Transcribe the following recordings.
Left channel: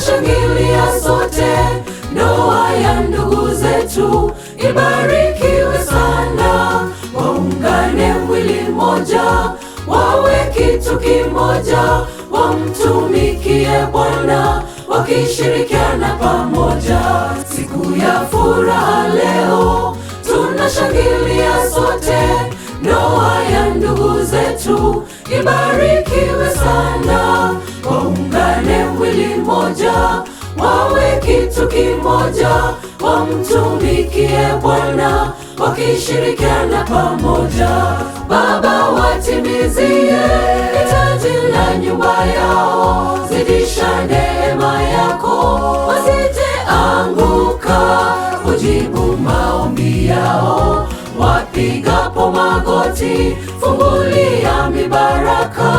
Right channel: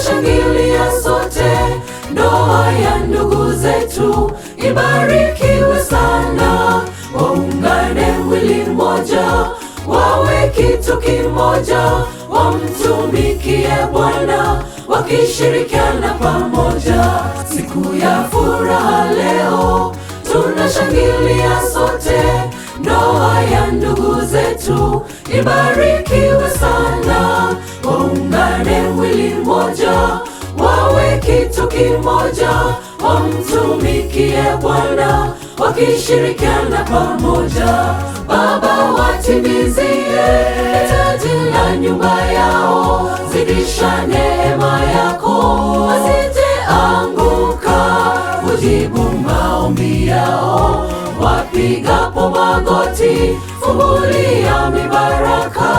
tunashangilia sote, ndoa ya ndugu zetu ibarikiwe sana. Waungane mwili mmoja, wawe kitu kimoja, wamtumikie Bwana wakishirikiana pamoja. Siku ya furaha leo tunashangilia sote, ndoa ya ndugu zetu ibarikiwe sana. Waungane mwili mmoja, wawe kitu kimoja, wamtumikie Bwana wakishirikiana pamoja. Baba, watimizie hitaji la nyumba yao, zidisha neema yako, wasije anguka, ujibu maombi yao. Wapigapo magoti, fungulia mibaraka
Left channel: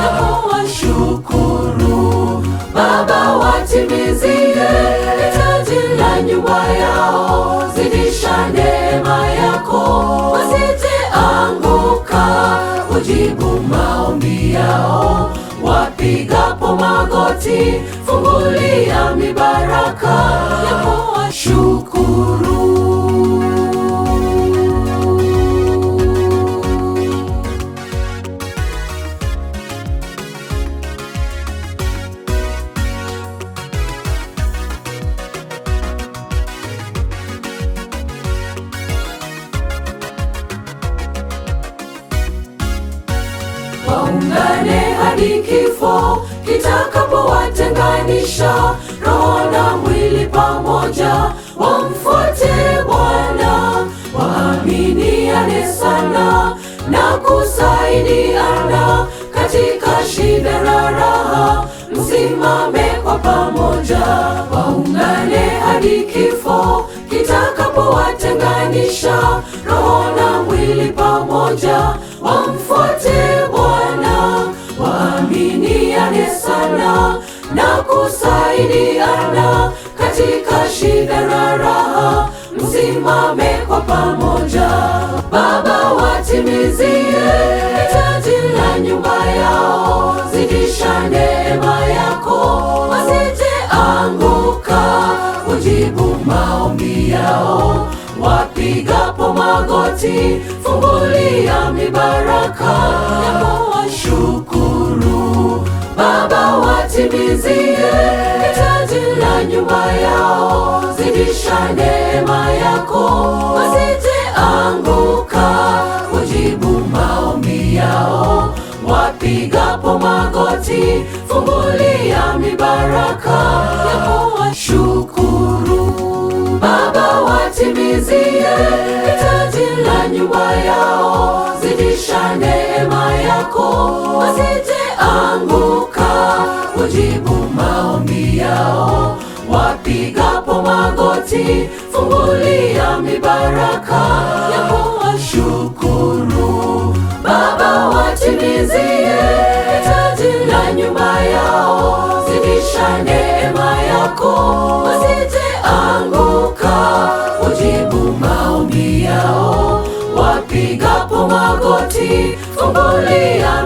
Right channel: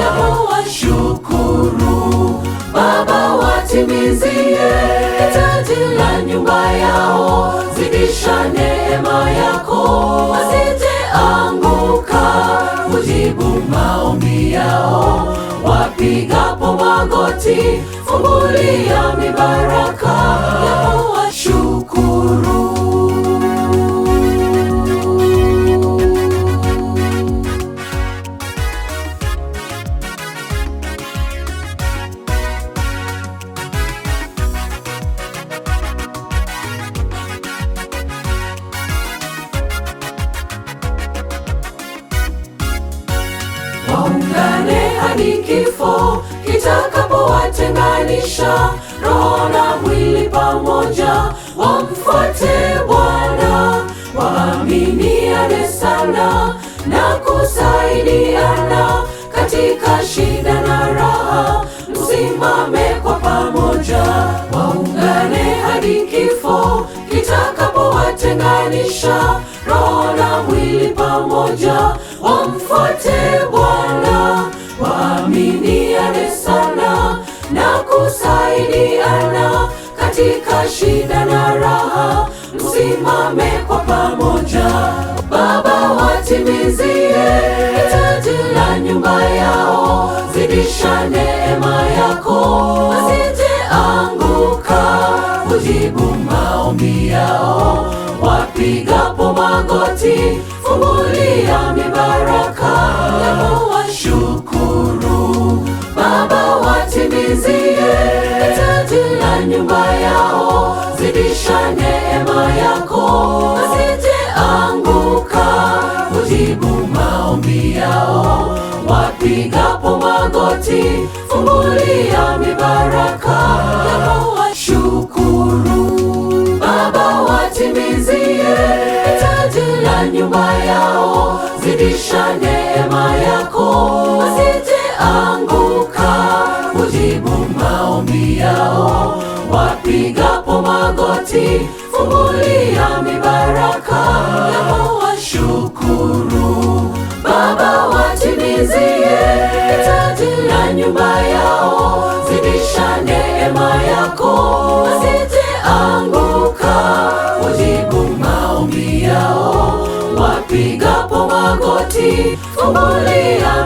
yako, washukuru. Baba, watimizie hitaji la nyumba yao, zidisha neema yako, wasije anguka, ujibu maombi yao. Wapigapo magoti, fungulia mibaraka yako, washukuru. Waungane hadi kifo kitakapowatenganisha, roho na mwili pamoja wamfuate Bwana. Waaminiane sana na kusaidiana, katika shida na raha msimame kwa pamoja. Waungane hadi kifo kitakapowatenganisha, roho na mwili pamoja wamfuate Bwana. Waaminiane sana na kusaidiana, katika shida na raha msimame kwa pamoja. Baba, watimizie hitaji la nyumba yao, zidisha neema yako, wasije anguka, ujibu maombi yao. Wapigapo magoti, fungulia mibaraka yako, washukuru. Baba, watimizie hitaji la nyumba yao, zidisha neema yako, wasije anguka, ujibu maombi yao. Wapigapo magoti, fungulia mibaraka yako, washukuru. Baba, watimizie hitaji la nyumba yao, zidisha neema yako, wasije anguka, ujibu maombi yao. Wapigapo magoti, fungulia mibaraka yako, washukuru. Baba, watimizie hitaji la nyumba yao, zidisha neema yako, wasije anguka, ujibu maombi yao. Wapigapo magoti, fungulia